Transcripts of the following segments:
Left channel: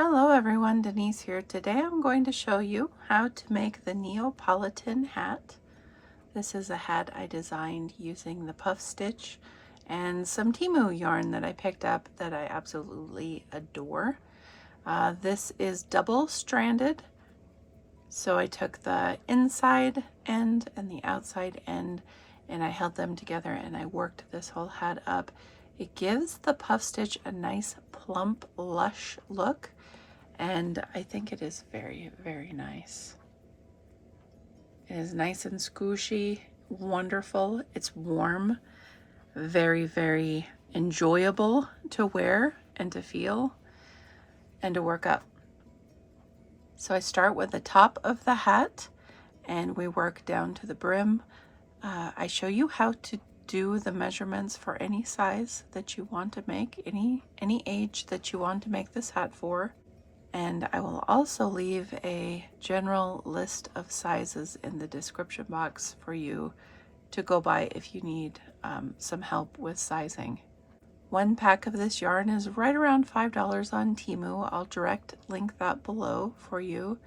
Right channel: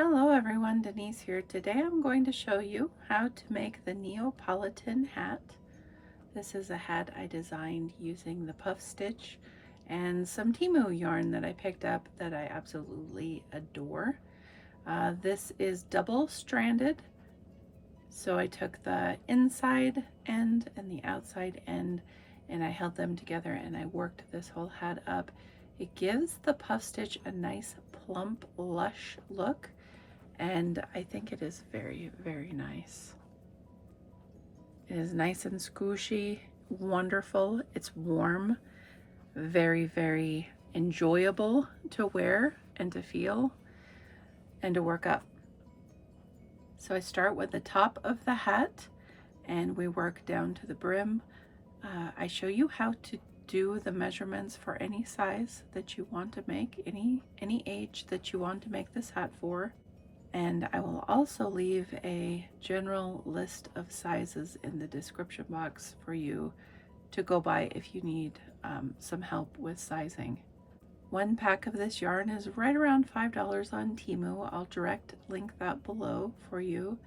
Hello everyone, Denise here. Today I'm going to show you how to make the Neapolitan hat. This is a hat I designed using the puff stitch and some Temu yarn that I picked up that I absolutely adore. This is double stranded, so I took the inside end and the outside end and I held them together and I worked this whole hat up. It gives the puff stitch a nice plump, lush look. And I think it is very, very nice. It is nice and squishy, wonderful. It's warm, very, very enjoyable to wear and to feel and to work up. So I start with the top of the hat and we work down to the brim. I show you how to do the measurements for any size that you want to make, any age that you want to make this hat for. And I will also leave a general list of sizes in the description box for you to go by if you need some help with sizing. One pack of this yarn is right around $5 on Temu. I'll direct link that below for you.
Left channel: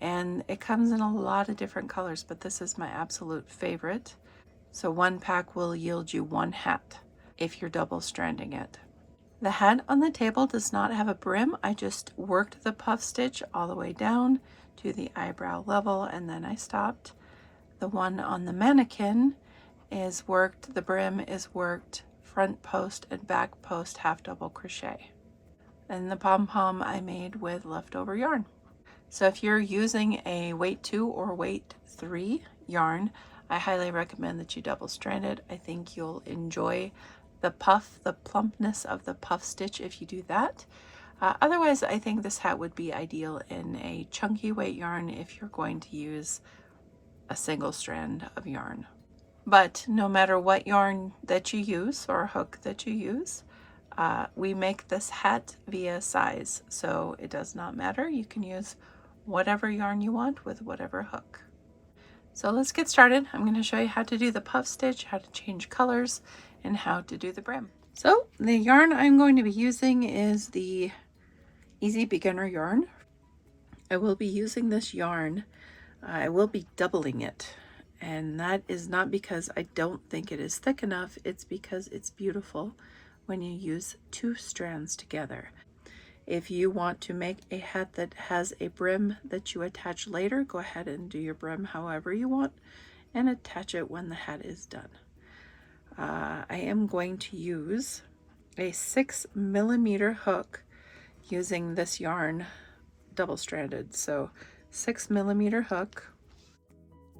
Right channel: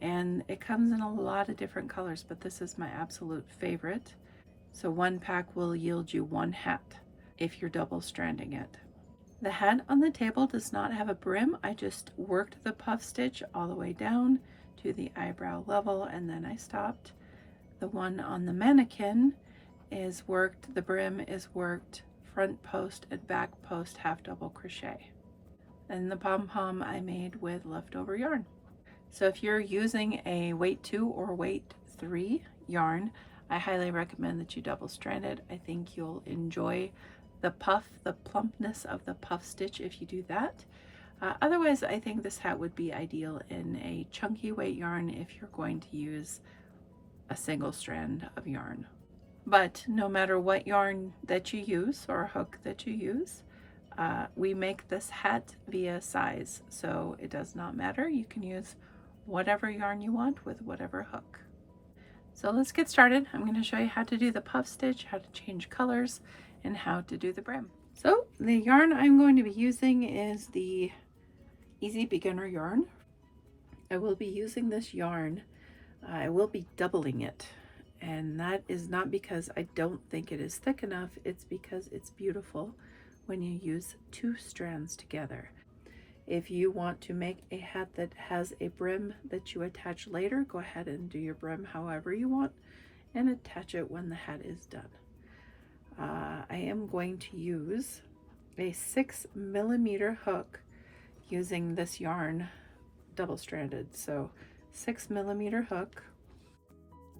And it comes in a lot of different colors, but this is my absolute favorite. So one pack will yield you one hat if you're double stranding it. The hat on the table does not have a brim. I just worked the puff stitch all the way down to the eyebrow level and then I stopped. The one on the mannequin is worked, the brim is worked front post and back post half double crochet. And the pom pom I made with leftover yarn. So if you're using a weight 2 or weight 3 yarn, I highly recommend that you double strand it. I think you'll enjoy the plumpness of the puff stitch if you do that. Otherwise, I think this hat would be ideal in a chunky weight yarn if you're going to use a single strand of yarn. But no matter what yarn that you use or hook that you use, we make this hat via size, so it does not matter. You can use whatever yarn you want with whatever hook. So let's get started. I'm going to show you how to do the puff stitch, how to change colors, and how to do the brim. So the yarn I'm going to be using is the Easy Beginner yarn. I will be using this yarn. I will be doubling it, and that is not because I don't think it is thick enough. It's because it's beautiful when you use 2 strands together. If you want to make a hat that has a brim that you attach later, go ahead and do your brim however you want and attach it when the hat is done. I am going to use a 6mm hook using this yarn double stranded. So 6mm hook.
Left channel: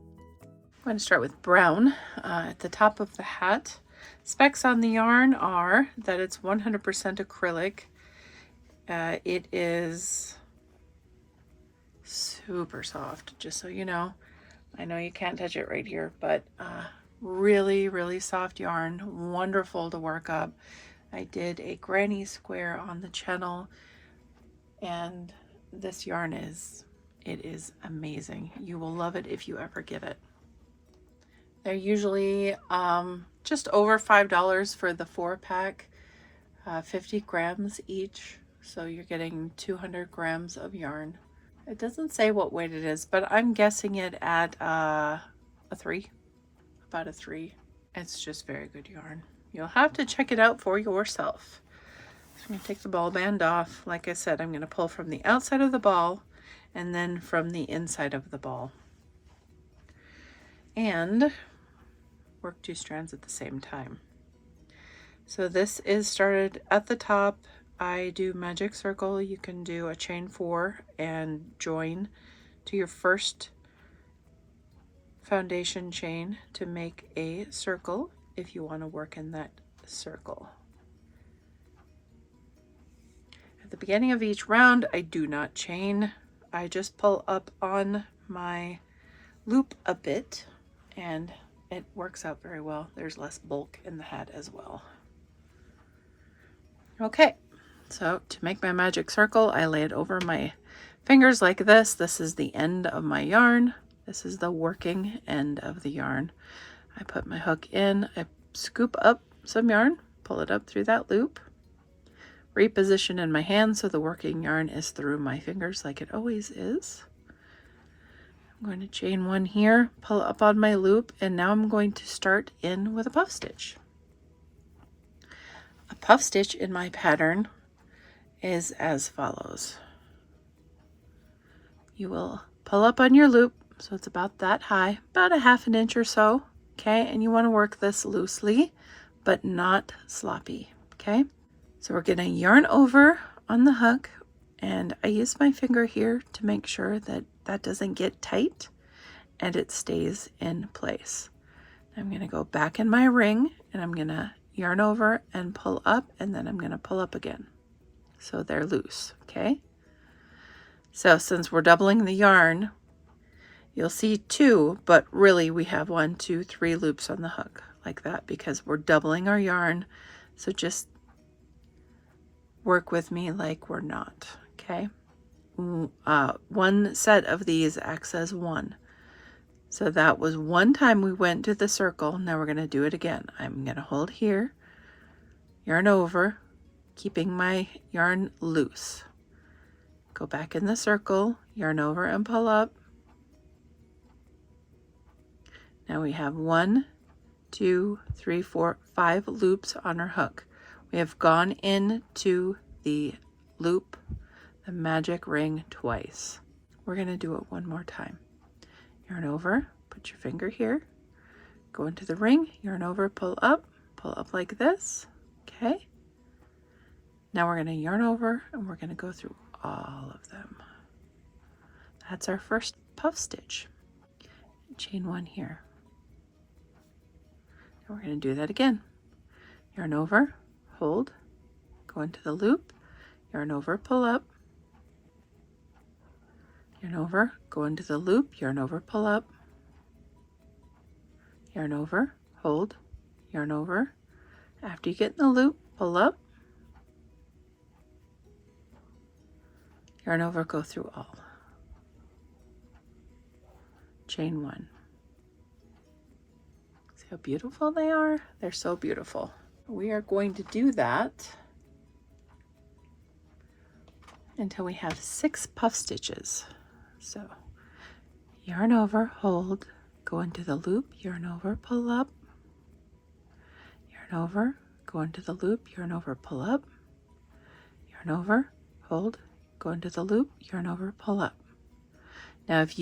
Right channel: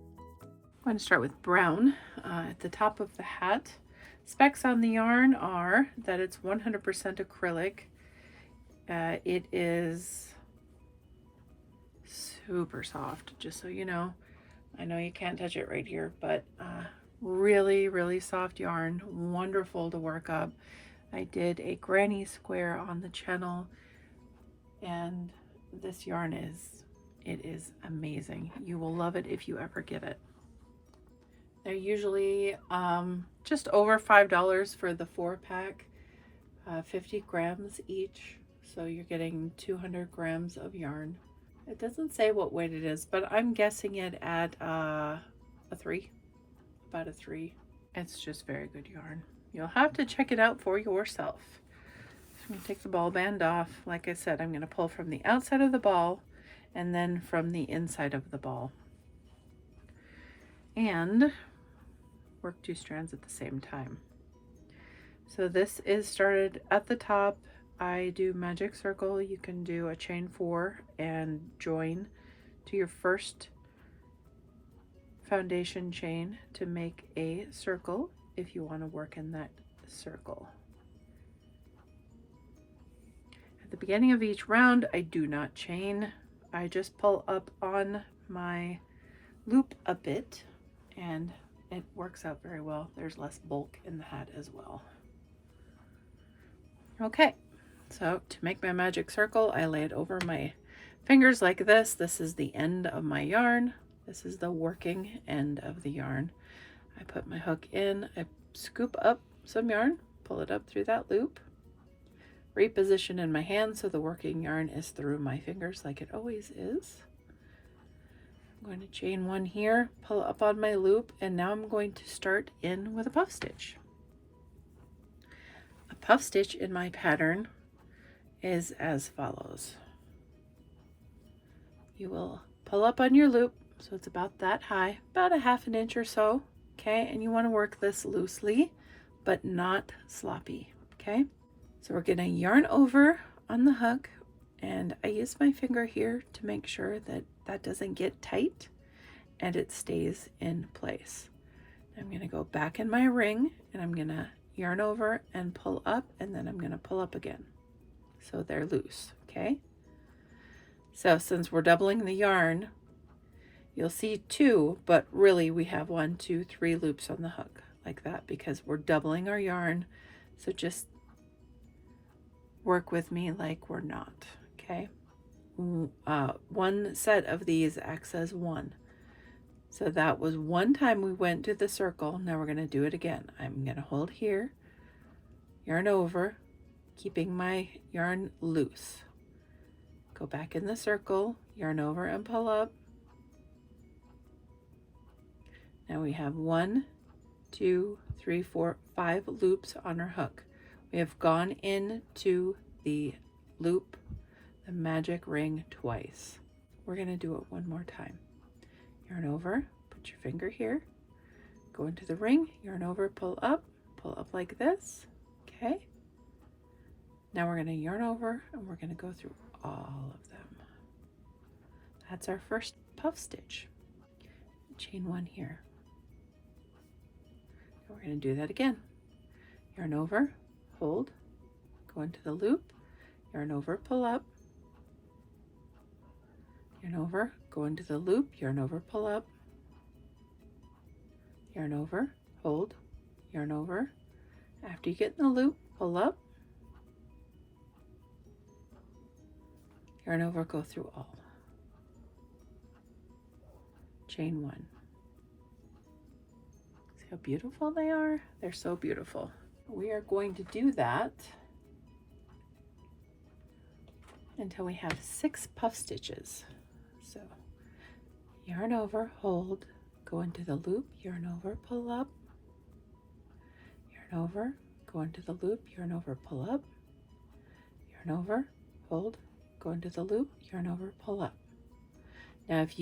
I'm going to start with brown at the top of the hat. Specs on the yarn are that it's 100% acrylic. It is super soft, just so you know. I know you can't touch it right here, but really, really soft yarn, wonderful to work up. I did a granny square on the channel, and this yarn is amazing. You will love it if you ever get it. They're usually just over $5 for the 4-pack, 50 grams each. So you're getting 200 grams of yarn. It doesn't say what weight it is, but I'm guessing it at a 3, about a 3. It's just very good yarn. You'll have to check it out for yourself. So I'm going to take the ball band off. Like I said, I'm going to pull from the outside of the ball and then from the inside of the ball. And work 2 strands at the same time. So this is started at the top. I do magic circle. You can do a chain 4 and join to your first foundation chain to make a circle if you want to work in that circle. At the beginning of each round, I do not chain. I just pull up on my loop a bit and it works out very well. There's less bulk in the hat as well. Okay. So to make my magic circle, I lay it over my fingers like this. This is the end of my yarn. This is the working end of the yarn. I put my hook in, I scoop up some yarn, pull it up through that loop, reposition in my hand so the working yarn is through my fingers like it always is. I'm going to chain one here, pull up on my loop, and now I'm going to start in with a puff stitch. A puff stitch in my pattern is as follows. You will pull up on your loop, so it's about that high, about a ½ inch or so, okay? And you want to work this loosely, but not sloppy, okay? So we're gonna yarn over on the hook, and I use my finger here to make sure that that doesn't get tight and it stays in place. I'm gonna go back in my ring and I'm gonna yarn over and pull up, and then I'm gonna pull up again. So they're loose, okay? So since we're doubling the yarn, you'll see 2, but really we have 1, 2, 3 loops on the hook like that because we're doubling our yarn. So just work with me like we're not, okay? One set of these acts as 1. So that was one time we went to the circle. Now we're gonna do it again. I'm gonna hold here, yarn over, keeping my yarn loose. Go back in the circle, yarn over and pull up. Now we have 1, 2, 3, 4, 5 loops on our hook. We have gone into the loop, the magic ring, twice. We're gonna do it one more time. Yarn over, put your finger here, go into the ring, yarn over, pull up like this, okay? Now we're gonna yarn over and we're gonna go through all of them. That's our first puff stitch. Chain 1 here. And we're gonna do that again. Yarn over, hold, go into the loop, yarn over, pull up, yarn over, go into the loop, yarn over, pull up, yarn over, hold, yarn over. After you get in the loop, pull up, yarn over, go through all. Chain 1. See how beautiful they are? They're so beautiful. We are going to do that until we have 6 puff stitches. So yarn over, hold, go into the loop, yarn over, pull up, yarn over, go into the loop, yarn over, pull up, yarn over, hold, go into the loop, yarn over, pull up. Now if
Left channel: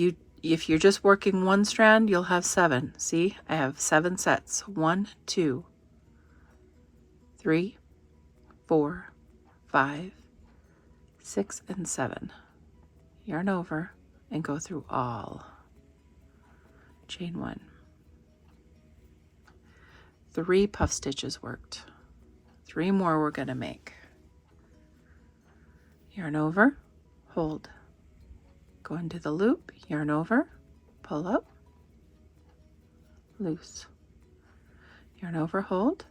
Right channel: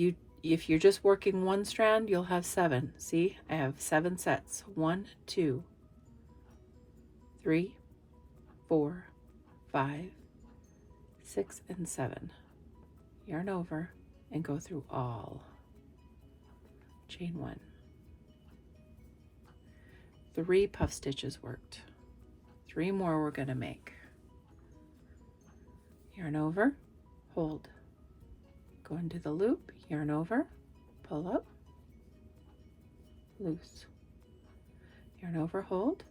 you're just working one strand, you'll have 7. See, I have 7 sets. 1, 2, 3, 4, 5, 6, and 7. Yarn over and go through all. Chain 1. 3 puff stitches worked. 3 more we're gonna make. Yarn over, hold, go into the loop, yarn over, pull up, loose, yarn over, hold,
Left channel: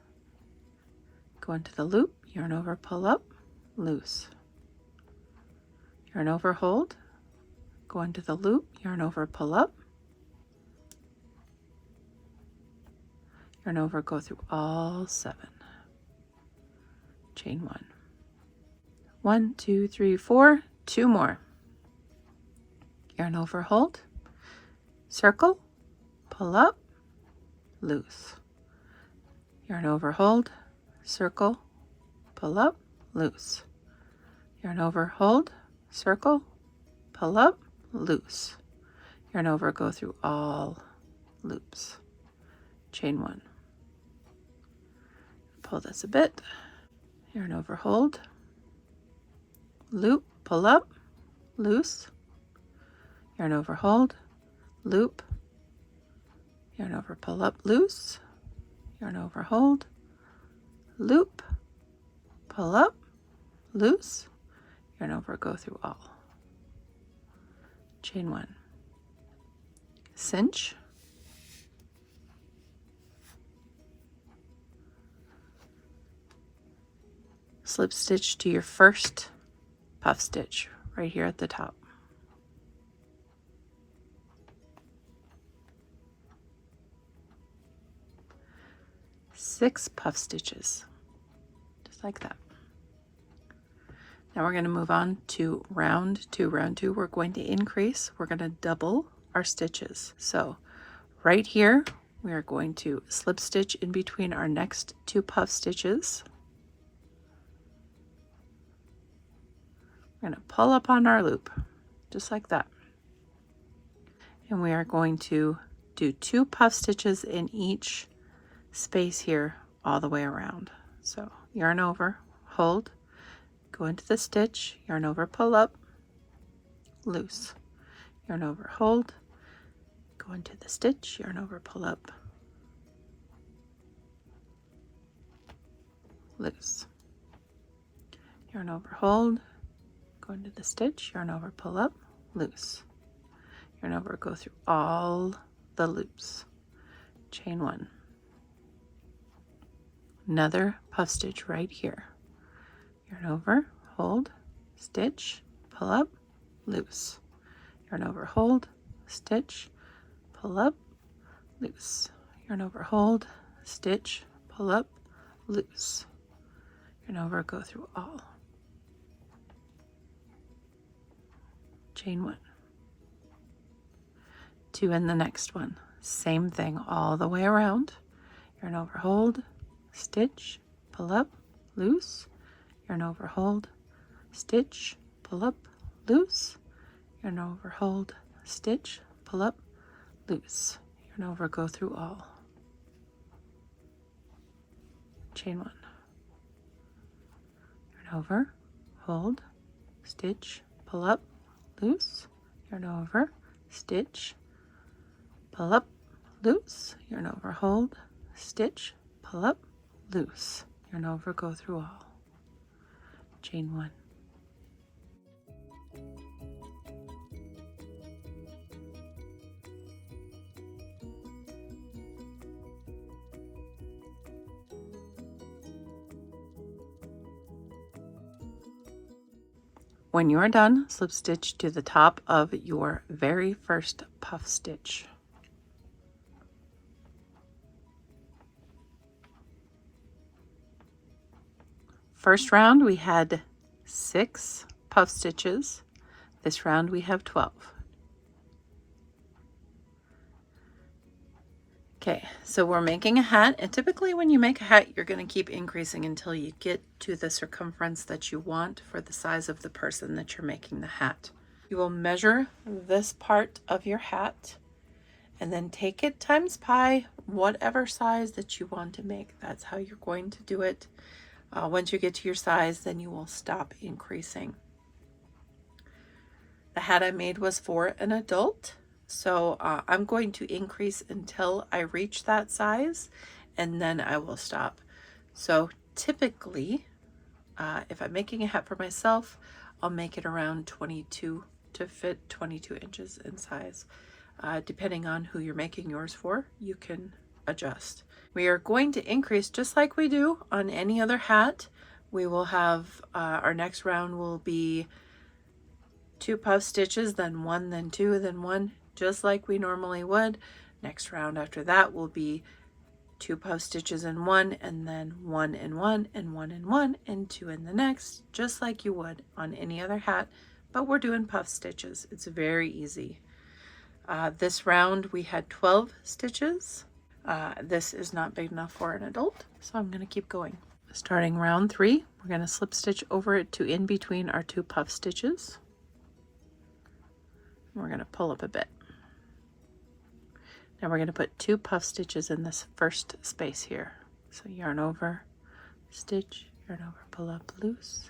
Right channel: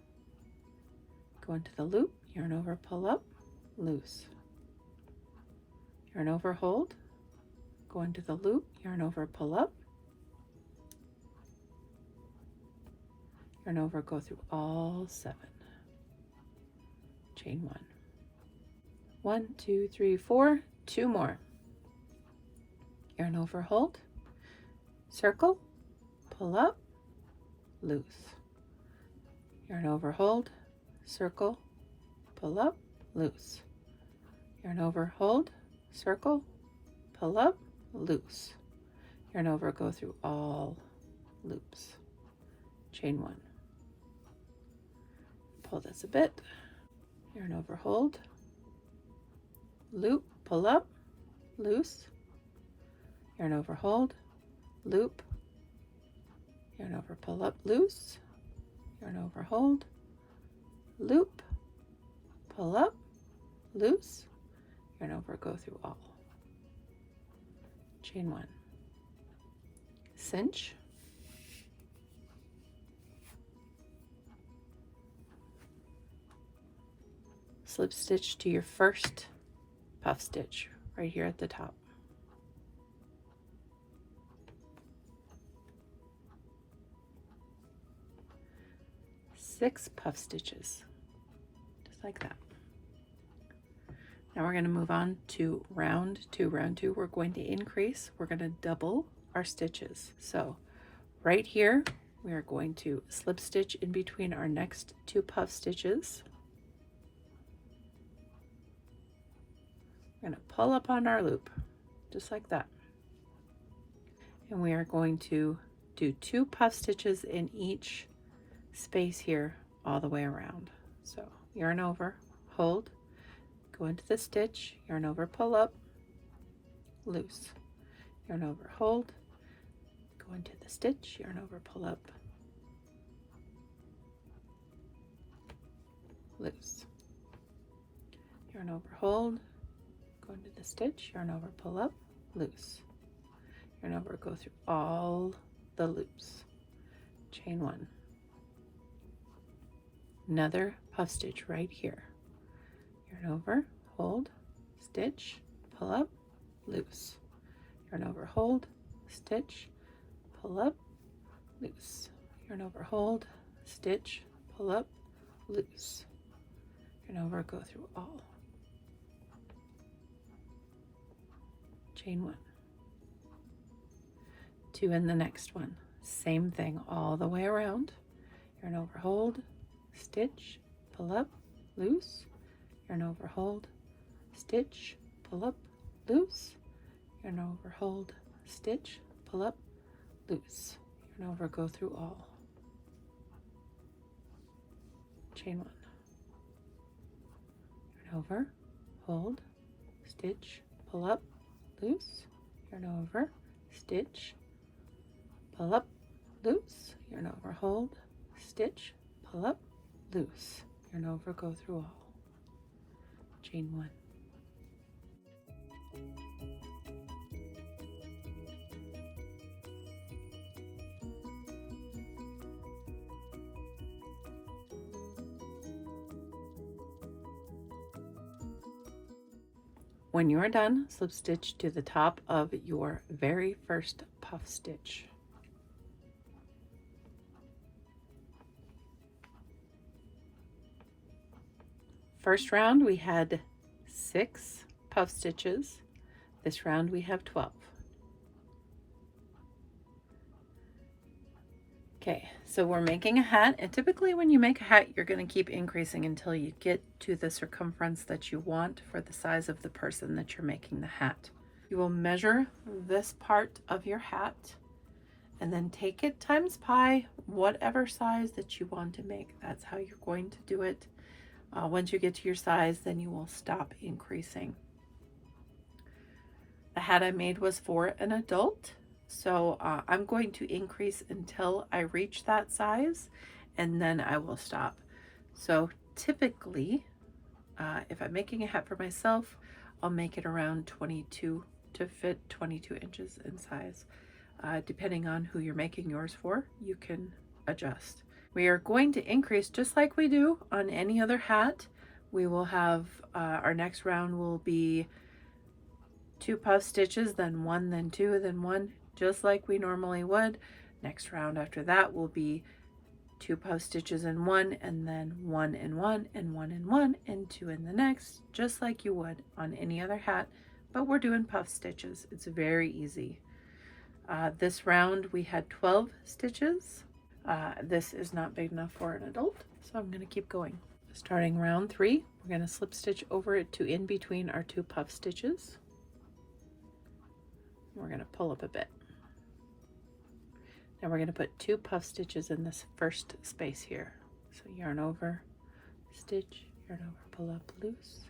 go into the loop, yarn over, pull up, loose, yarn over, hold, go into the loop, yarn over, pull up, yarn over, go through all 7. Chain 1. 1, 2, 3, 4, 2 more. Yarn over, hold, circle, pull up, loose. Yarn over, hold, circle, pull up, loose. Yarn over, hold, circle, pull up, loose. Yarn over, go through all loops. Chain 1. Pull this a bit. Yarn over, hold, loop, pull up, loose. Yarn over, hold, loop, yarn over, pull up, loose, yarn over, hold, loop, pull up, loose, yarn over, go through all. Chain 1. Cinch, slip stitch to your first puff stitch right here at the top. Six puff stitches, just like that. Now we're going to move on to round 2. Round 2, we're going to increase. We're going to double our stitches. So right here, we are going to slip stitch in between our next 2 puff stitches. We're going to pull up on our loop, just like that. And we are going to do 2 puff stitches in each space here all the way around. So yarn over, hold, go into the stitch, yarn over, pull up, loose, yarn over, hold, go into the stitch, yarn over, pull up, loose, yarn over, hold, go into the stitch, yarn over, pull up, loose, yarn over, go through all the loops, chain 1, another puff stitch right here, yarn over, hold, stitch, pull up, loose, yarn over, hold, stitch, pull up, loose, yarn over, hold, stitch, pull up, loose, yarn over, go through all, chain 1, 2 in the next one, same thing all the way around, yarn over, hold, stitch, pull up, loose, yarn over, hold, stitch, pull up, loose, yarn over, hold, stitch, pull up, loose, yarn over, go through all, chain 1, yarn over, hold, stitch, pull up, loose, yarn over, stitch, pull up, loose, yarn over, hold, stitch, pull up, loose, yarn over, go through all, chain 1. When you are done, slip stitch to the top of your very first puff stitch. First round we had 6 puff stitches. This round we have 12. Okay, so we're making a hat, and typically when you make a hat, you're going to keep increasing until you get to the circumference that you want for the size of the person that you're making the hat. You will measure this part of your hat and then take it times pi, whatever size that you want to make. That's how you're going to do it. Once you get to your size, then you will stop increasing. The hat I made was for an adult. So I'm going to increase until I reach that size, and then I will stop. So typically, if I'm making a hat for myself, I'll make it around 22 to fit 22 inches in size. Depending on who you're making yours for, you can adjust. We are going to increase just like we do on any other hat. We will have, our next round will be 2 puff stitches, then 1, then 2, then 1. Just like we normally would. Next round after that will be 2 puff stitches in 1, and then 1 in 1, and 1 in 1, and 2 in the next, just like you would on any other hat, but we're doing puff stitches. It's very easy. This round we had 12 stitches. This is not big enough for an adult, so I'm going to keep going. Starting round 3, we're going to slip stitch over it to in between our 2 puff stitches. We're going to pull up a bit. Now we're going to put 2 puff stitches in this first space here. So yarn over, stitch, yarn over, pull up, loose,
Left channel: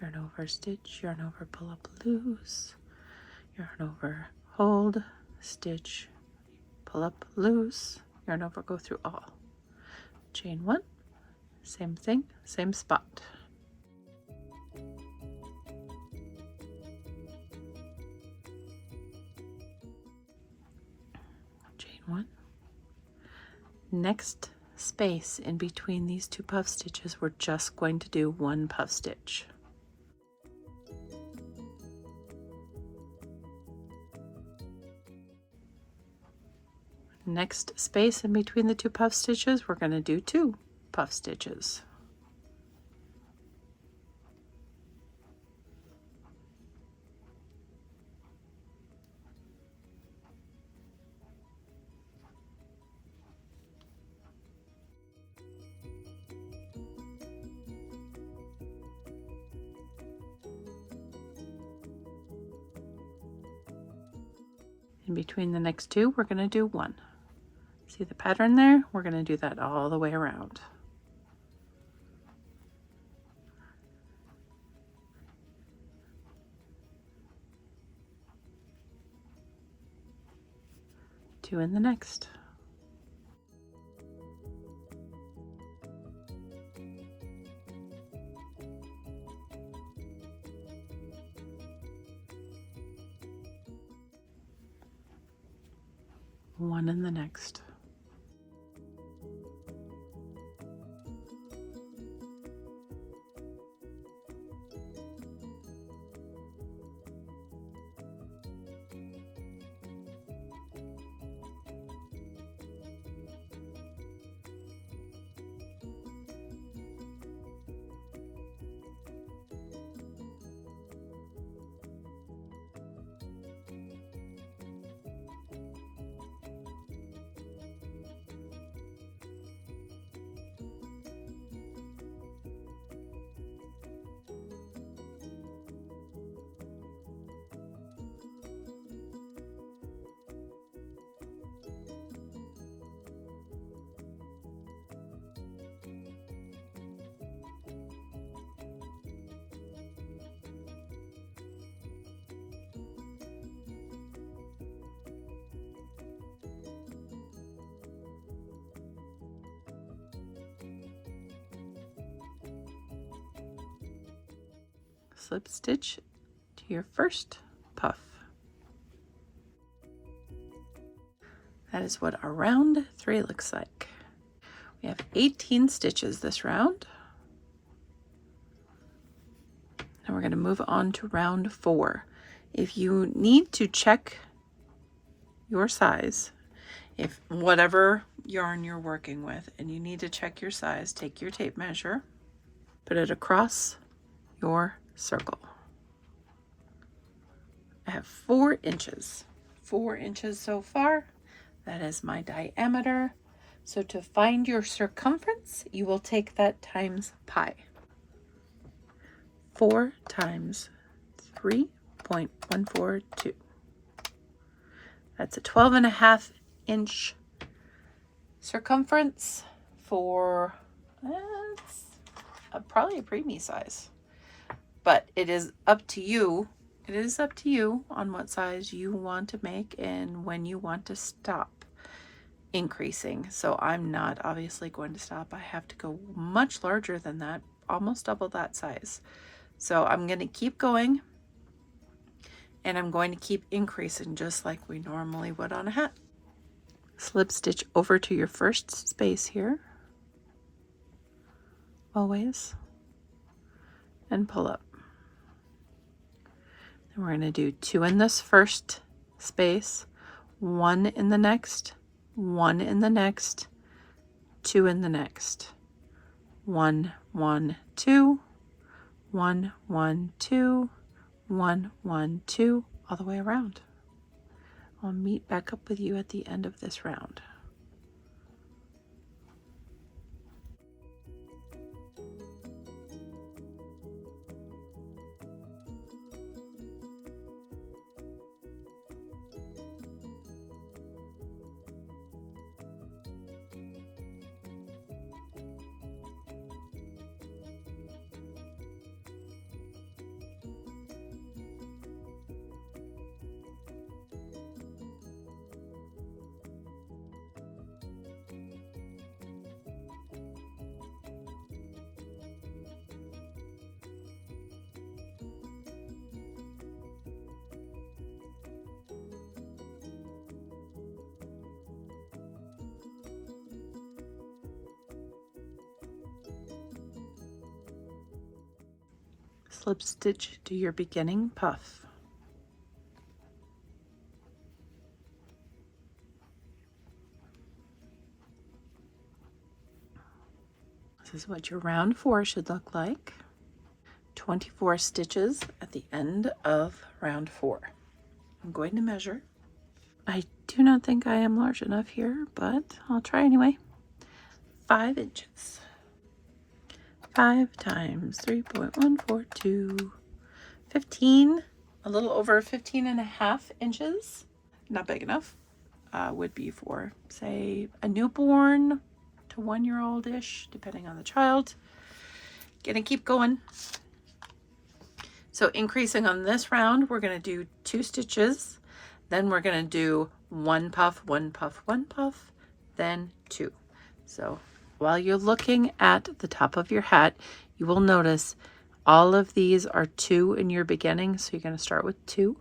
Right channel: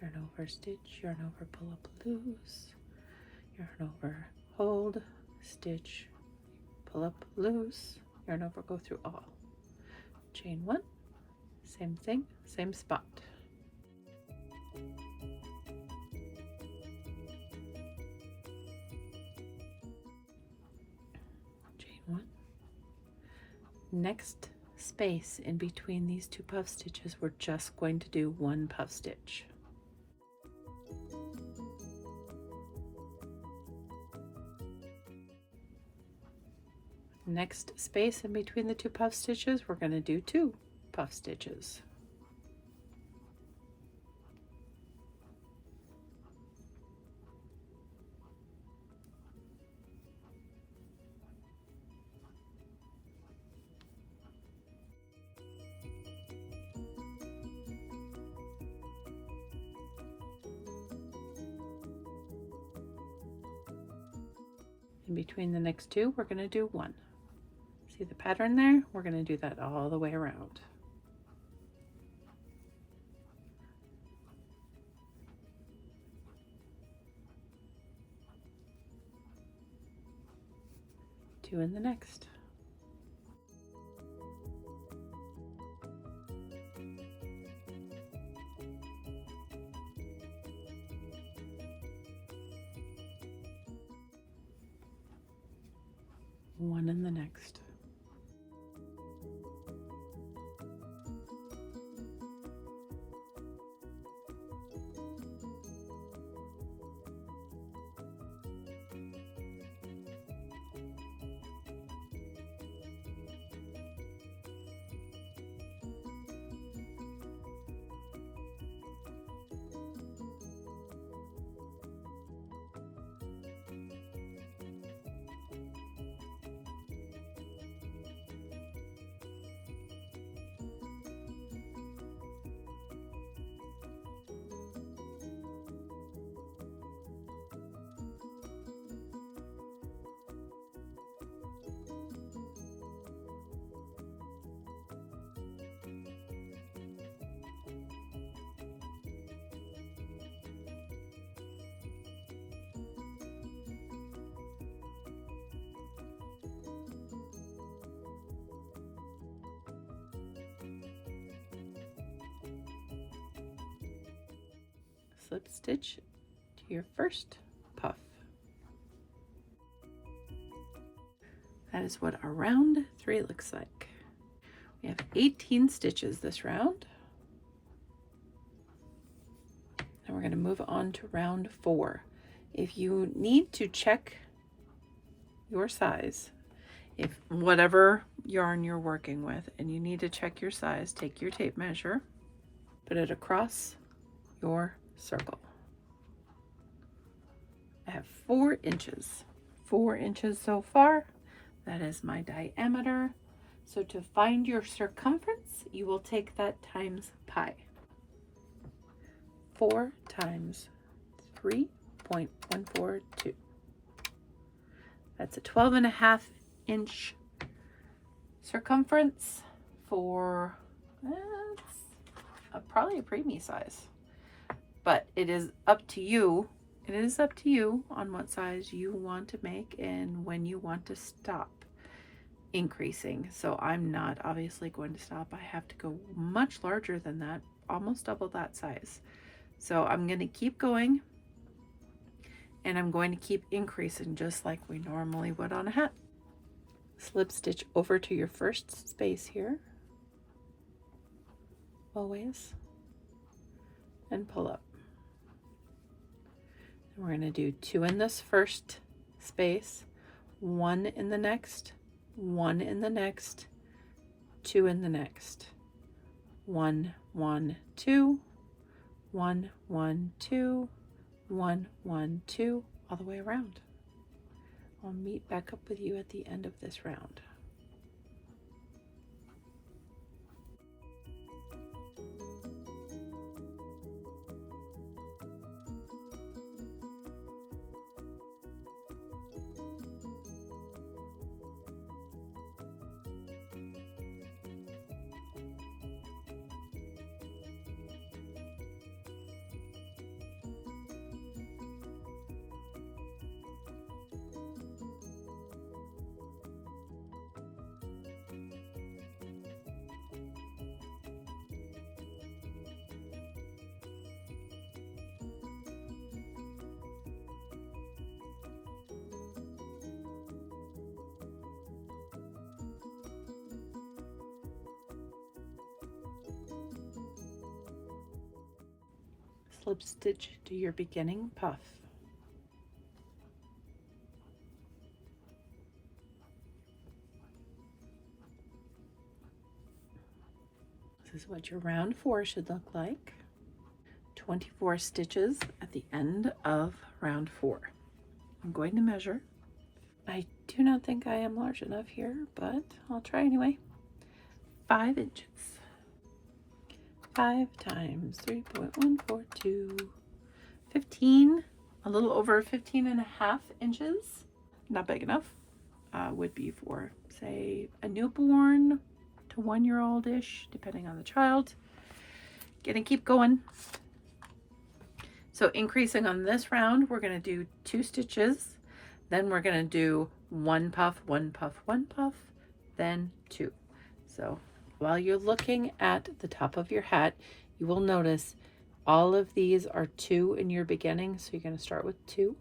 yarn over, stitch, yarn over, pull up, loose, yarn over, hold, stitch, pull up, loose, yarn over, go through all. Chain 1, same thing, same spot. Chain 1. Next space in between these 2 puff stitches, we're just going to do 1 puff stitch. Next space in between the 2 puff stitches, we're going to do 2 puff stitches. In between the next two, we're going to do 1. See the pattern there? We're going to do that all the way around. Two in the next. One in the next. Slip stitch to your first puff. That is what our round 3 looks like. We have 18 stitches this round. And we're going to move on to round 4. If you need to check your size, if whatever yarn you're working with, and you need to check your size, take your tape measure, put it across your circle. I have 4 inches. 4 inches so far. That is my diameter. So to find your circumference, you will take that times pi. 4 times 3.142. That's a 12.5 inch circumference for probably a preemie size. But it is up to you. It is up to you on what size you want to make and when you want to stop increasing. So I'm not obviously going to stop. I have to go much larger than that, almost double that size. So I'm going to keep going, and I'm going to keep increasing just like we normally would on a hat. Slip stitch over to your first space here, always, and pull up. Then we're going to do 2 in this first space, 1 in the next, 1 in the next, 2 in the next, 1, 1, 2, 1, 1, 2, 1, 1, 2, all the way around. I'll meet back up with you at the end of this round. Slip stitch to your beginning puff. This is what your round 4 should look like. 24 stitches at the end of round 4. I'm going to measure. I do not think I am large enough here, but I'll try anyway. 5 inches. 5 times 3.142, 15, a little over 15.5 inches. not big enough, would be for, say, a newborn to 1-year-old-ish, depending on the child. Gonna keep going. So increasing on this round, we're gonna do 2 stitches, then we're gonna do 1 puff, 1 puff, 1 puff, then 2. So while you're looking at the top of your hat, you will notice all of these are 2 in your beginning. So you're gonna start with 2,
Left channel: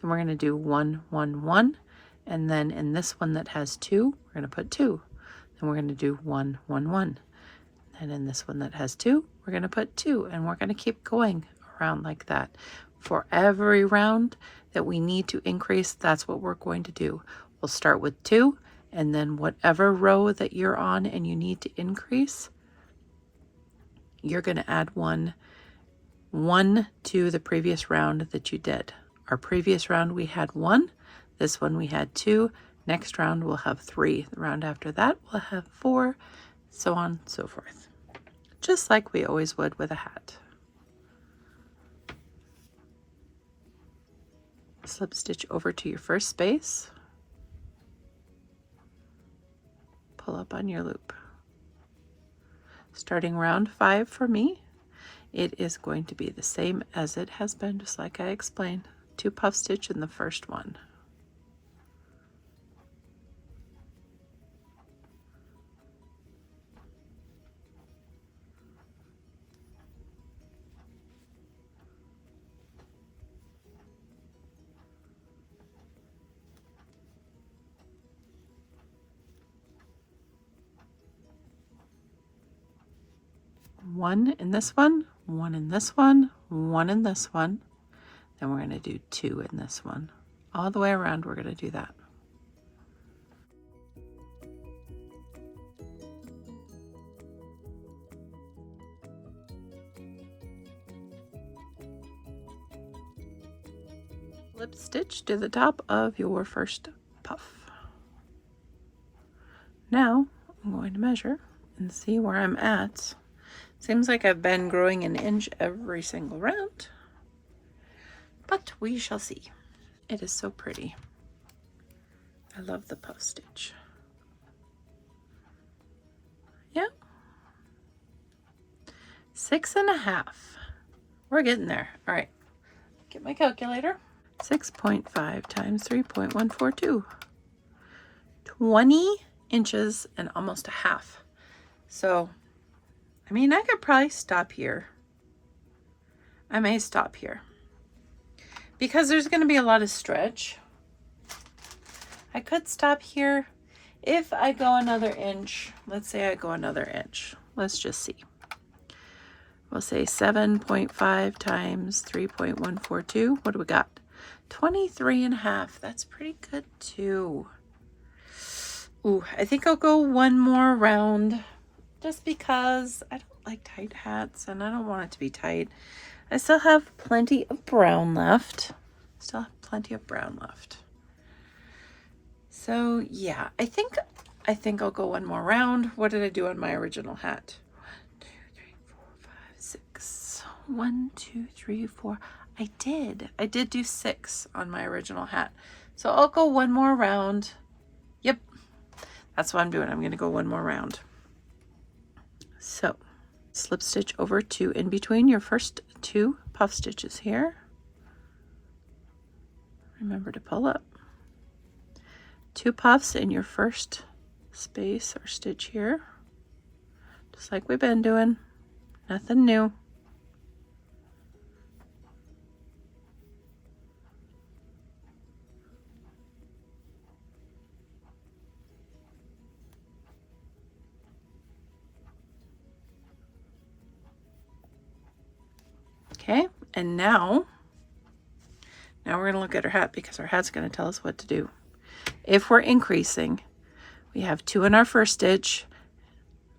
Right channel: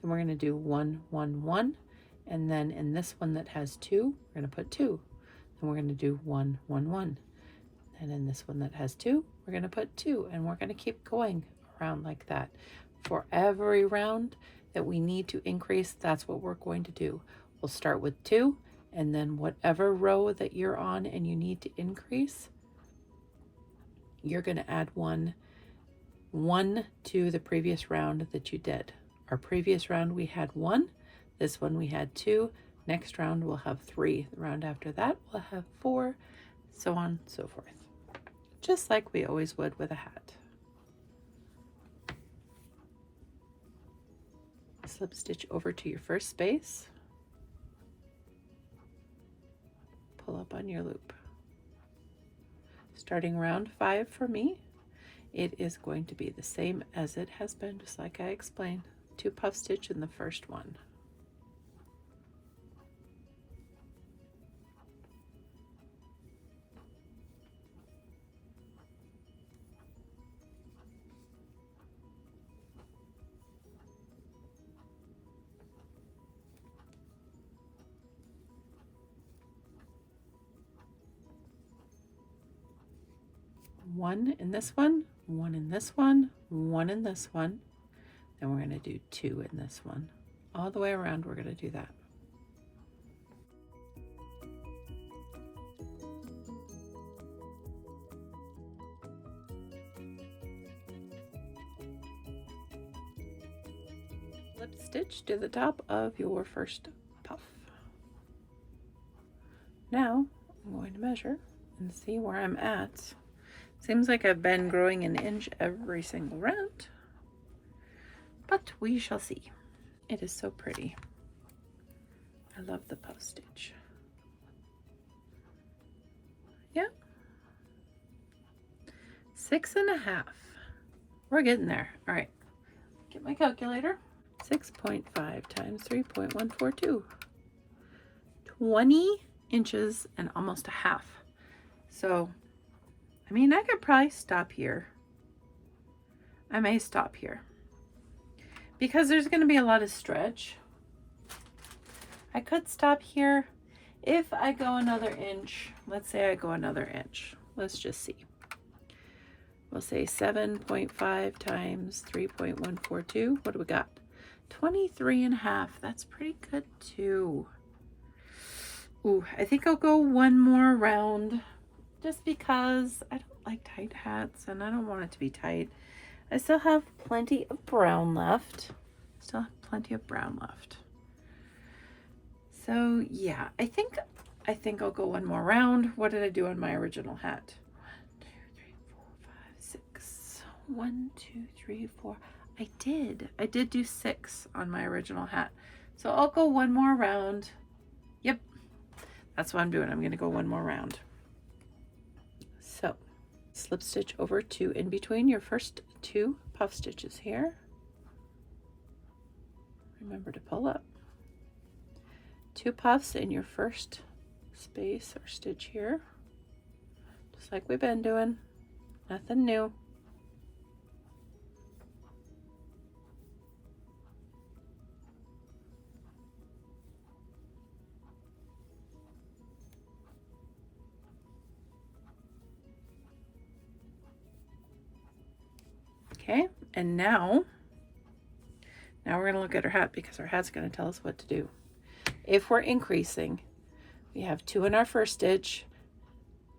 then we're gonna do 1, 1, 1, and then in this one that has 2, we're gonna put 2. Then we're gonna do 1, 1, 1. And in this one that has 2, we're gonna put 2, and we're gonna keep going around like that. For every round that we need to increase, that's what we're going to do. We'll start with 2, and then whatever row that you're on and you need to increase, you're gonna add 1 to the previous round that you did. Our previous round we had 1, this one we had 2, next round we'll have 3, the round after that we'll have 4, so on and so forth. Just like we always would with a hat. Slip stitch over to your first space, pull up on your loop. Starting round 5 for me, it is going to be the same as it has been, just like I explained. 2 puff stitch in the first one. One in this one, 1 in this one, 1 in this one, then we're going to do 2 in this one. All the way around we're going to do that. Slip stitch to the top of your first puff. Now I'm going to measure and see where I'm at. Seems like I've been growing an inch every single round, but we shall see. It is so pretty. I love the puff stitch. Yeah. 6.5. We're getting there. All right, get my calculator. 6.5 times 3.142. 20 inches and almost a half. So I mean, I could probably stop here. I may stop here because there's going to be a lot of stretch. I could stop here if I go another inch. Let's say I go another inch. Let's just see. We'll say 7.5 times 3.142. What do we got? 23.5. That's pretty good too. Ooh, I think I'll go one more round. Just because I don't like tight hats and I don't want it to be tight. I still have plenty of brown left. So yeah, I think I'll go one more round. What did I do on my original hat? 1, 2, 3, 4, 5, 6. 1, 2, 3, 4. I did do 6 on my original hat. So I'll go one more round. Yep, that's what I'm doing. I'm gonna go one more round. So slip stitch over to in between your first 2 puff stitches here. Remember to pull up. 2 puffs in your first space or stitch here, just like we've been doing. Nothing new. Okay, and now we're going to look at our hat because our hat's going to tell us what to do. If we're increasing, we have 2 in our first stitch.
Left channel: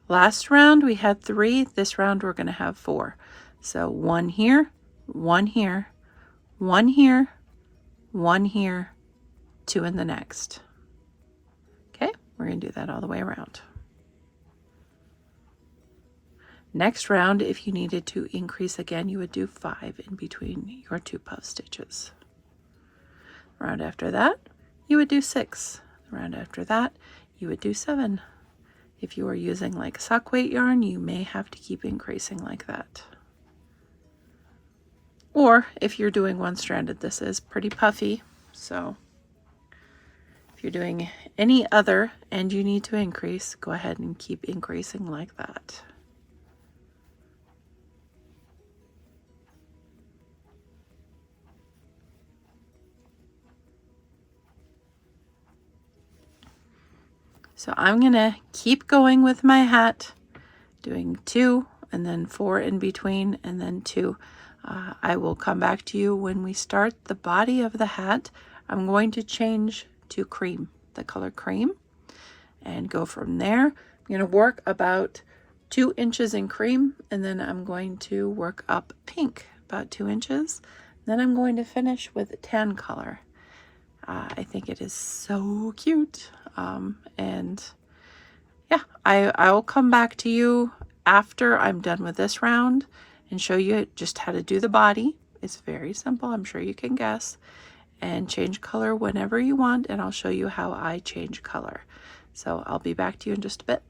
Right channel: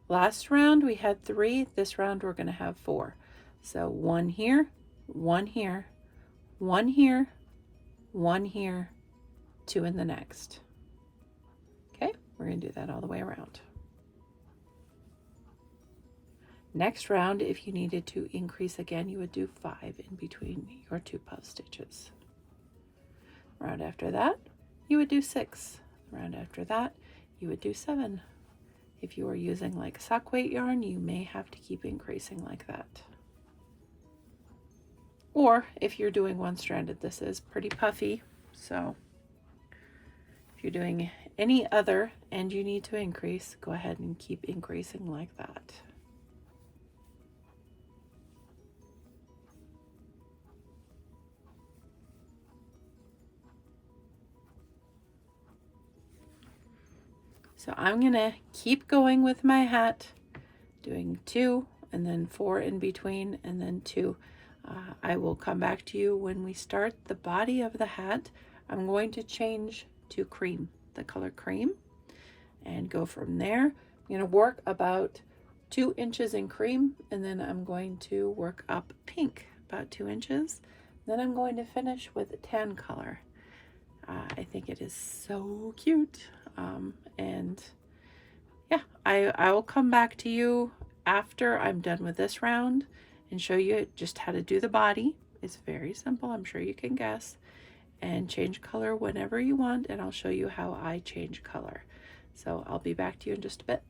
Last round we had 3. This round we're going to have 4. So 1 here, 1 here, 1 here, 1 here, 2 in the next. Okay, we're going to do that all the way around. Next round, if you needed to increase again, you would do 5 in between your 2 puff stitches. Round after that, you would do 6. The round after that, you would do 7. If you are using like sock weight yarn, you may have to keep increasing like that. Or if you're doing one-stranded, this is pretty puffy, so if you're doing any other and you need to increase, go ahead and keep increasing like that. So I'm gonna keep going with my hat, doing 2 and then 4 in between and then 2. I will come back to you when we start the body of the hat. I'm going to change to cream, the color cream, and go from there. I'm going to work about 2 inches in cream, and then I'm going to work up pink about 2 inches. Then I'm going to finish with tan color. I think it is so cute. And yeah, I will come back to you after I'm done with this round and show you just how to do the body. It's very simple, I'm sure you can guess, and change color whenever you want, and I'll show you how I change color. So I'll be back to you in just a bit.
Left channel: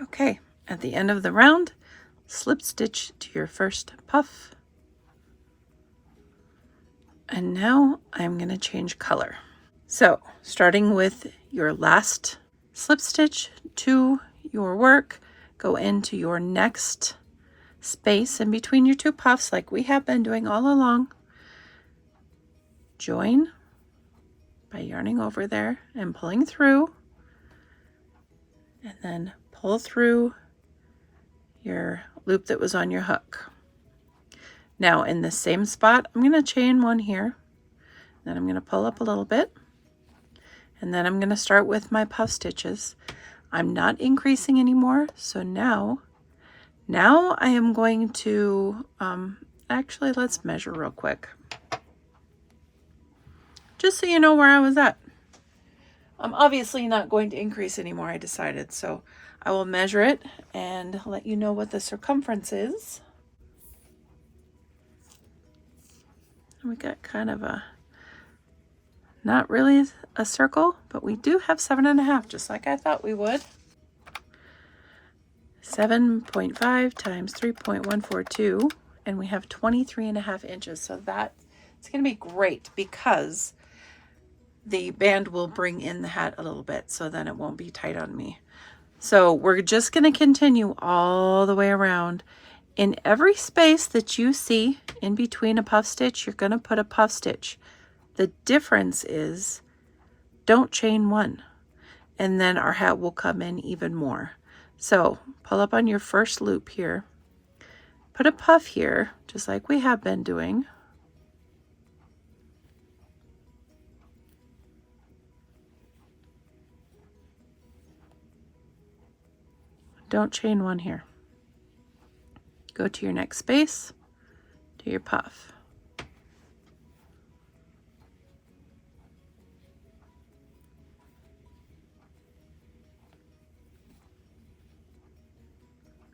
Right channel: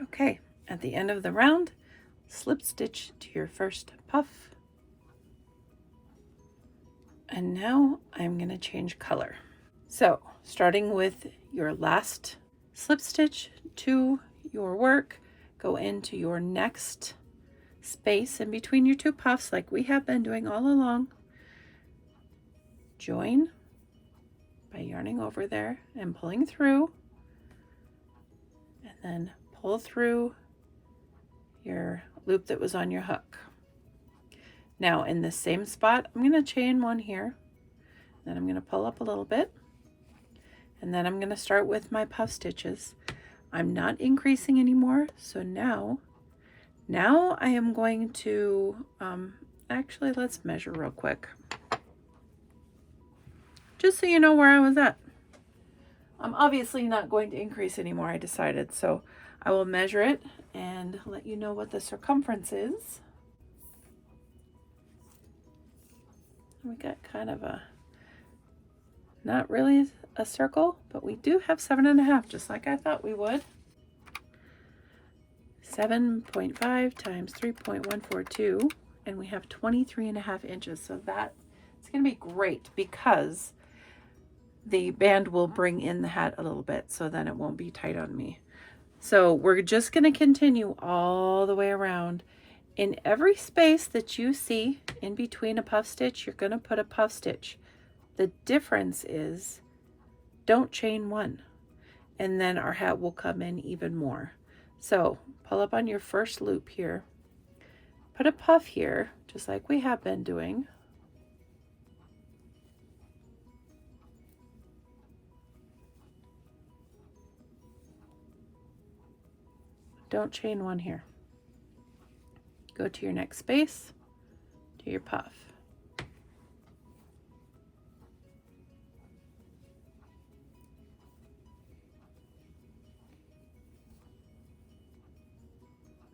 Okay, at the end of the round, slip stitch to your first puff. And now I'm going to change color. So starting with your last slip stitch to your work, go into your next space in between your 2 puffs like we have been doing all along. Join by yarning over there and pulling through, and then pull through your loop that was on your hook. Now in the same spot, I'm going to chain 1 here, then I'm going to pull up a little bit, and then I'm going to start with my puff stitches. I'm not increasing anymore, so now I am going to, actually let's measure real quick, just so you know where I was at. I'm obviously not going to increase anymore, I decided, so I will measure it and let you know what the circumference is. We got kind of a, not really a circle, but we do have 7.5, just like I thought we would. 7.5 times 3.142, and we have 23.5 inches. So that it's going to be great because the band will bring in the hat a little bit, so then it won't be tight on me. So we're just going to continue all the way around. In every space that you see in between a puff stitch, you're going to put a puff stitch. The difference is don't chain 1, and then our hat will come in even more. So pull up on your first loop here, put a puff here, just like we have been doing. Don't chain 1 here. Go to your next space, do your puff.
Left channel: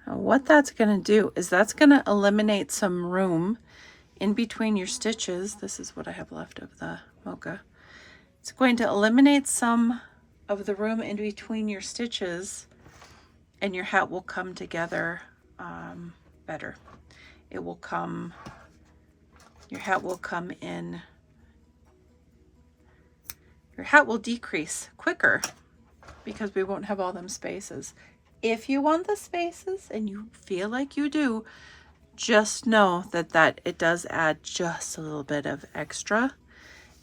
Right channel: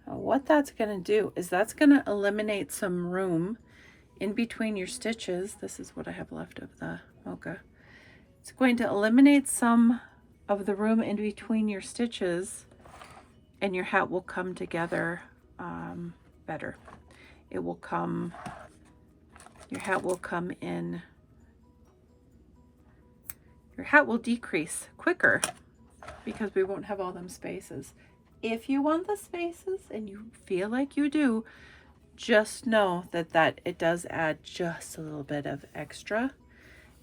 Now what that's going to do is that's going to eliminate some room in between your stitches. This is what I have left of the mocha. It's going to eliminate some of the room in between your stitches, and your hat will come together better. It will come, your hat will come in, your hat will decrease quicker because we won't have all them spaces. If you want the spaces and you feel like you do, just know that it does add just a little bit of extra,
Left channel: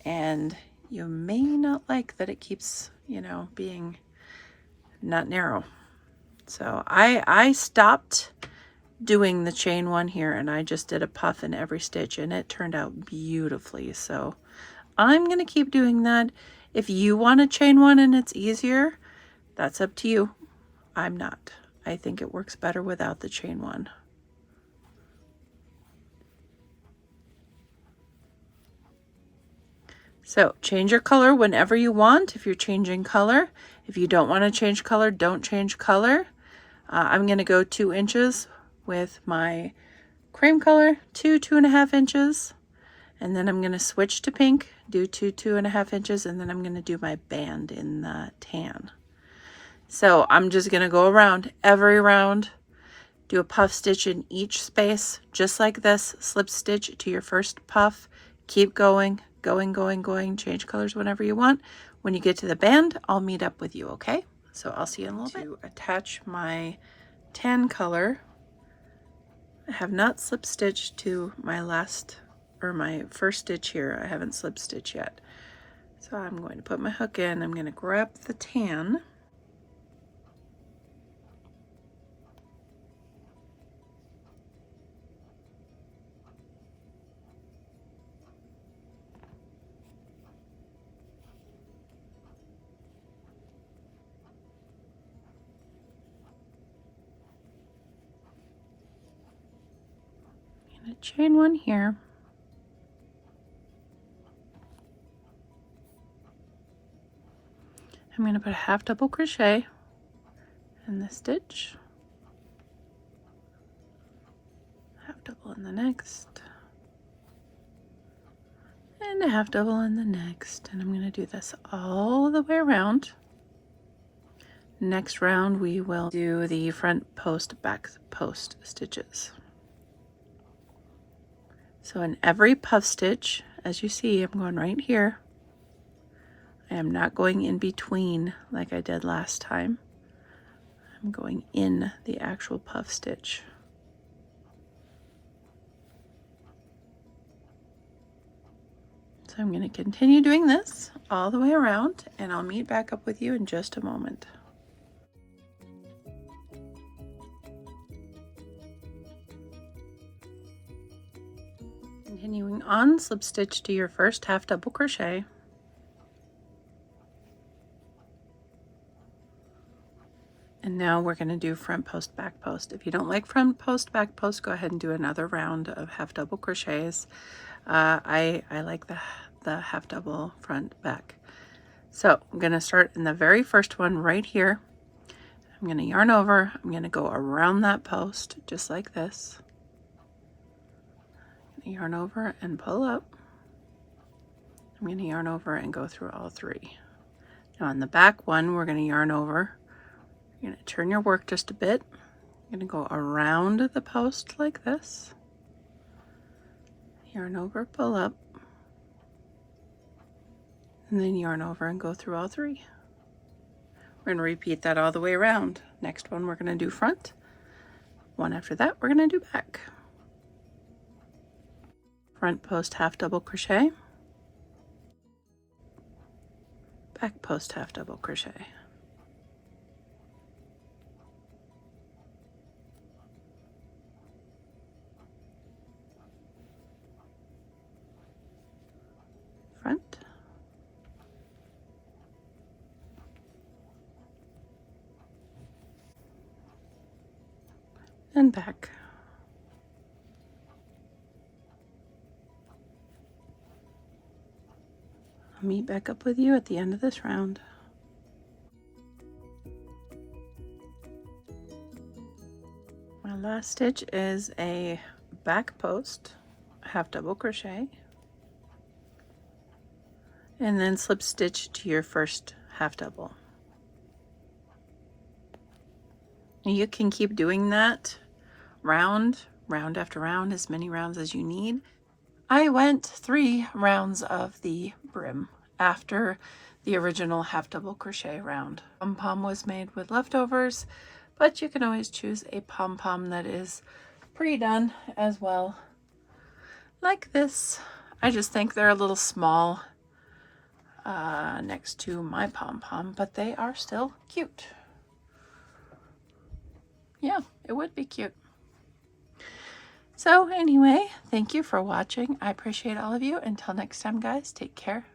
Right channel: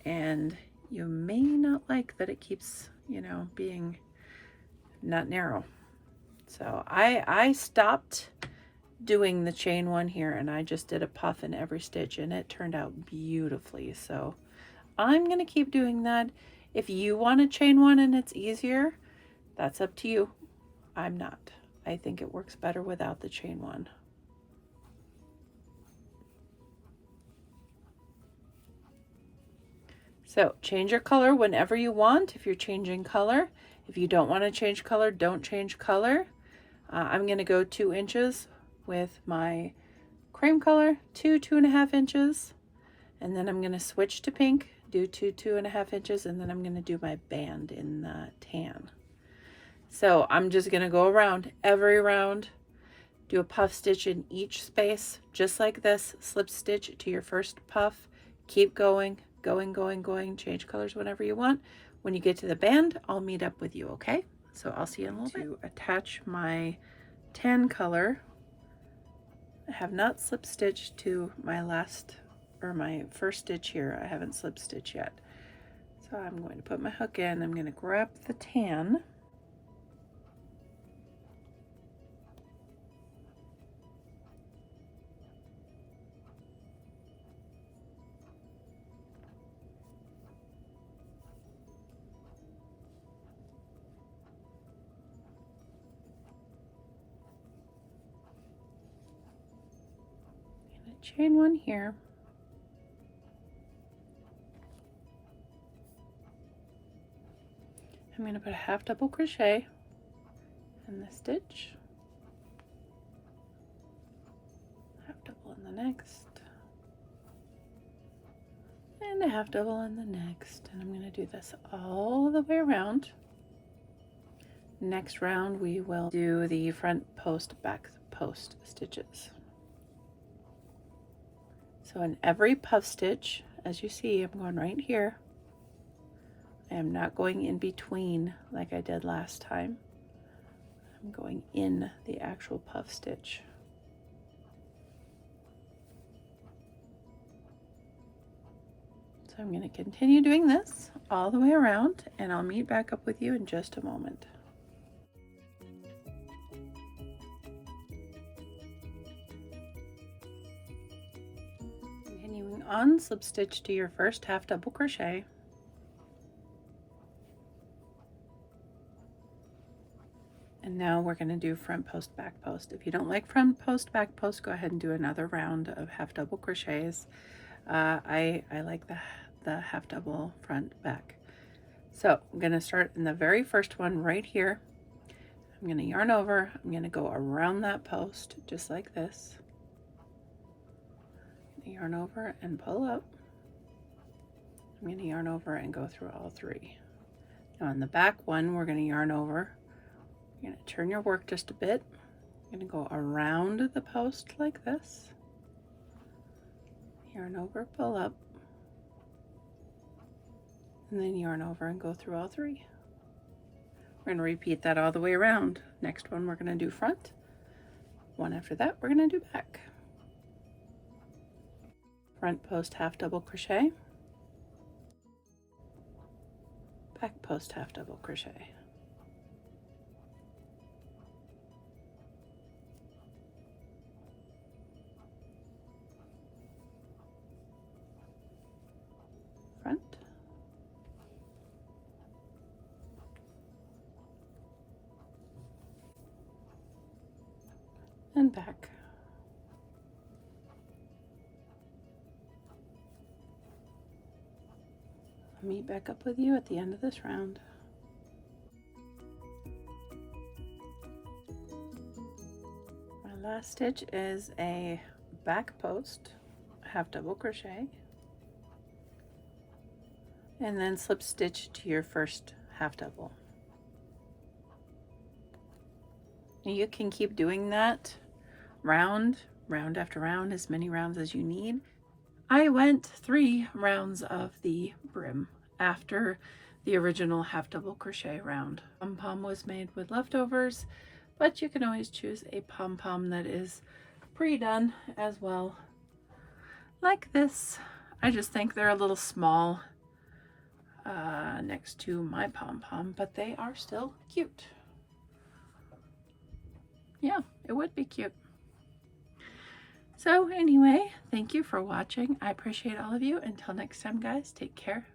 and you may not like that it keeps, you know, being not narrow. So I stopped doing the chain 1 here, and I just did a puff in every stitch, and it turned out beautifully. So I'm going to keep doing that. If you want to chain 1 and it's easier, that's up to you. I'm not. I think it works better without the chain 1. So change your color whenever you want if you're changing color. If you don't want to change color, don't change color. I'm going to go 2 inches with my cream color, 2.5 inches, and then I'm going to switch to pink, do 2.5 inches, and then I'm going to do my band in the tan. So I'm just going to go around every round, do a puff stitch in each space, just like this, slip stitch to your first puff, keep going, going, change colors whenever you want. When you get to the band, I'll meet up with you, okay? So I'll see you in a little bit. To attach my tan color, I have not slip stitched to my last, or my first stitch here. I haven't slip stitched yet. So I'm going to put my hook in, I'm going to grab the tan, chain one here, I'm going to put a half double crochet in the stitch, half double in the next, and a half double in the next, and I'm going to do this all the way around. Next round we will do the front post, back post stitches. So in every puff stitch, as you see, I'm going right here. I am not going in between like I did last time. I'm going in the actual puff stitch. So I'm going to continue doing this all the way around, and I'll meet back up with you in just a moment. Continuing on, slip stitch to your first half double crochet, and now we're going to do front post, back post. If you don't like front post, back post, go ahead and do another round of half double crochets. I like the half double front back. So I'm going to start in the very first one right here. I'm going to yarn over, I'm going to go around that post just like this. Yarn over and pull up. I'm going to yarn over and go through all 3. Now on the back one, we're going to yarn over. You're going to turn your work just a bit. You're going to go around the post like this. Yarn over, pull up, and then yarn over and go through all 3. We're going to repeat that all the way around. Next one we're going to do front. One after that we're going to do back. Front post half double crochet, back post half double crochet, front, and back. I'll meet back up with you at the end of this round. My last stitch is a back post, half double crochet, and then slip stitch to your first half double. You can keep doing that round after round, as many rounds as you need. I went 3 rounds of the brim after the original half double crochet round. Pom Pom was made with leftovers, but you can always choose a pom pom that is pre-done as well, like this. I just think they're a little small next to my pom pom, but they are still cute. Yeah, it would be cute. So anyway, thank you for watching. I appreciate all of you. Until next time, guys, take care.